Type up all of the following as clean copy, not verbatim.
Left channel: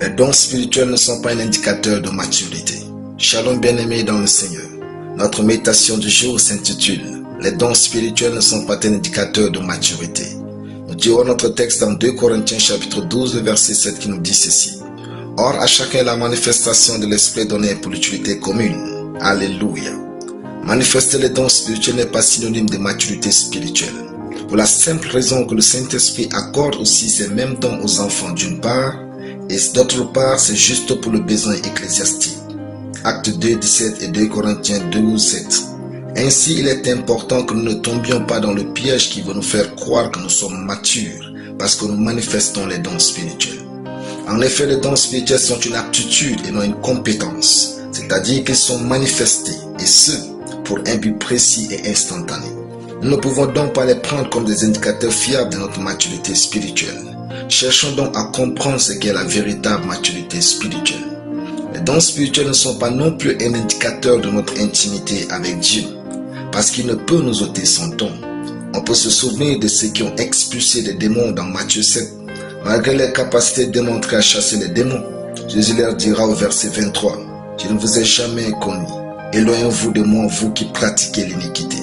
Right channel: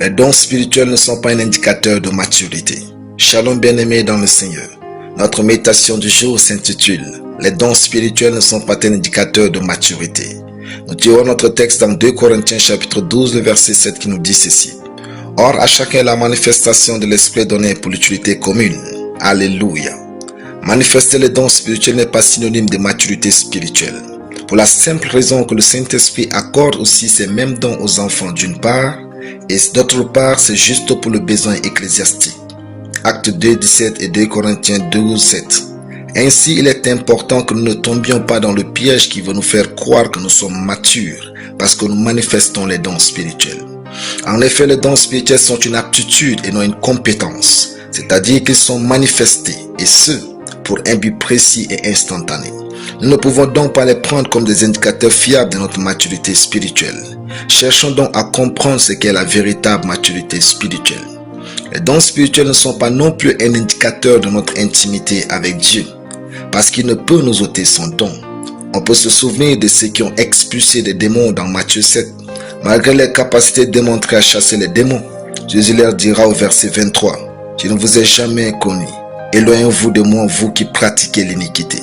Les dons spirituels ne sont pas un indicateur de maturité. Shalom bien-aimés dans le Seigneur. Notre méditation du jour s'intitule « Les dons spirituels ne sont pas un indicateur de maturité ». Nous tirons notre texte dans 2 Corinthiens chapitre 12, le verset 7 qui nous dit ceci. « Or, à chacun la manifestation de l'Esprit donnée pour l'utilité commune. Alléluia. » Manifester les dons spirituels n'est pas synonyme de maturité spirituelle. Pour la simple raison que le Saint-Esprit accorde aussi ces mêmes dons aux enfants d'une part, et d'autre part, c'est juste pour le besoin ecclésiastique. Actes 2, 17 et 2 Corinthiens 12, 7. Ainsi, il est important que nous ne tombions pas dans le piège qui veut nous faire croire que nous sommes matures parce que nous manifestons les dons spirituels. En effet, les dons spirituels sont une aptitude et non une compétence, c'est-à-dire qu'ils sont manifestés, et ce, pour un but précis et instantané. Nous ne pouvons donc pas les prendre comme des indicateurs fiables de notre maturité spirituelle. Cherchons donc à comprendre ce qu'est la véritable maturité spirituelle. Les dons spirituels ne sont pas non plus un indicateur de notre intimité avec Dieu, parce qu'il ne peut nous ôter son don. On peut se souvenir de ceux qui ont expulsé des démons dans Matthieu 7. Malgré leur capacité démontrée à chasser les démons, Jésus leur dira au verset 23, « Je ne vous ai jamais connu. Éloignez-vous de moi, vous qui pratiquez l'iniquité. »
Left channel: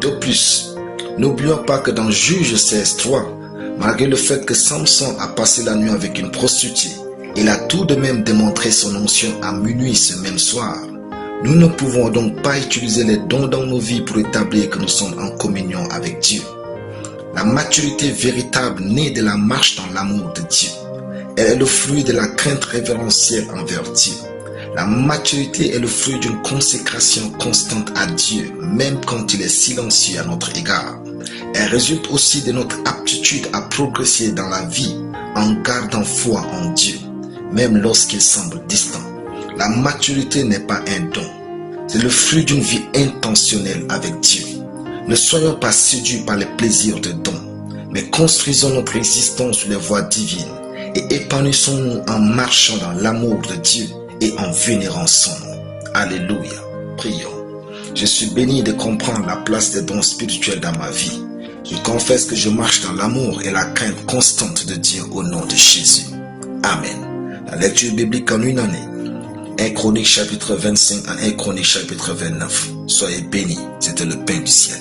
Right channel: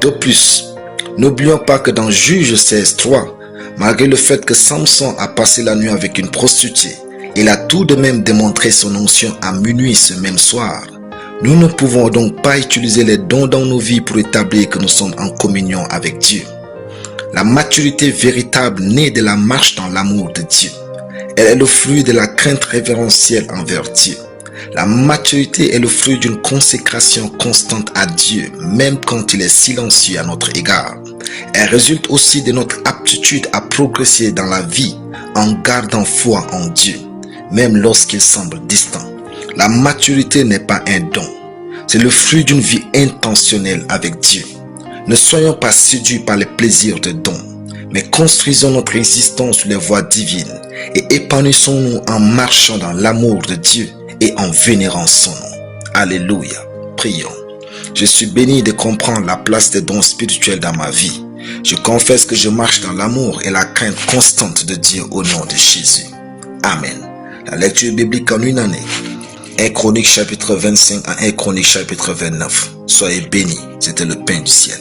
De plus, n'oublions pas que dans Juge 16:3, malgré le fait que Samson a passé la nuit avec une prostituée, il a tout de même démontré son onction à minuit ce même soir. Nous ne pouvons donc pas utiliser les dons dans nos vies pour établir que nous sommes en communion avec Dieu. La maturité véritable naît de la marche dans l'amour de Dieu. Elle est le fruit de la crainte révérentielle envers Dieu. La maturité est le fruit d'une consécration constante à Dieu, même quand il est silencieux à notre égard. Elle résulte aussi de notre aptitude à progresser dans la vie en gardant foi en Dieu, même lorsqu'il semble distant. La maturité n'est pas un don, c'est le fruit d'une vie intentionnelle avec Dieu. Ne soyons pas séduits par les plaisirs de dons, mais construisons notre existence sur les voies divines et épanouissons-nous en marchant dans l'amour de Dieu et en vénérant son nom. Alléluia. Prions. Je suis béni de comprendre la place des dons spirituels dans ma vie. Je confesse que je marche dans l'amour et la crainte constante de Dieu au nom de Jésus. Amen. La lecture biblique en une année. 1 Chronique chapitre 25 à 1 Chronique chapitre 29. Soyez bénis. C'était le pain du ciel.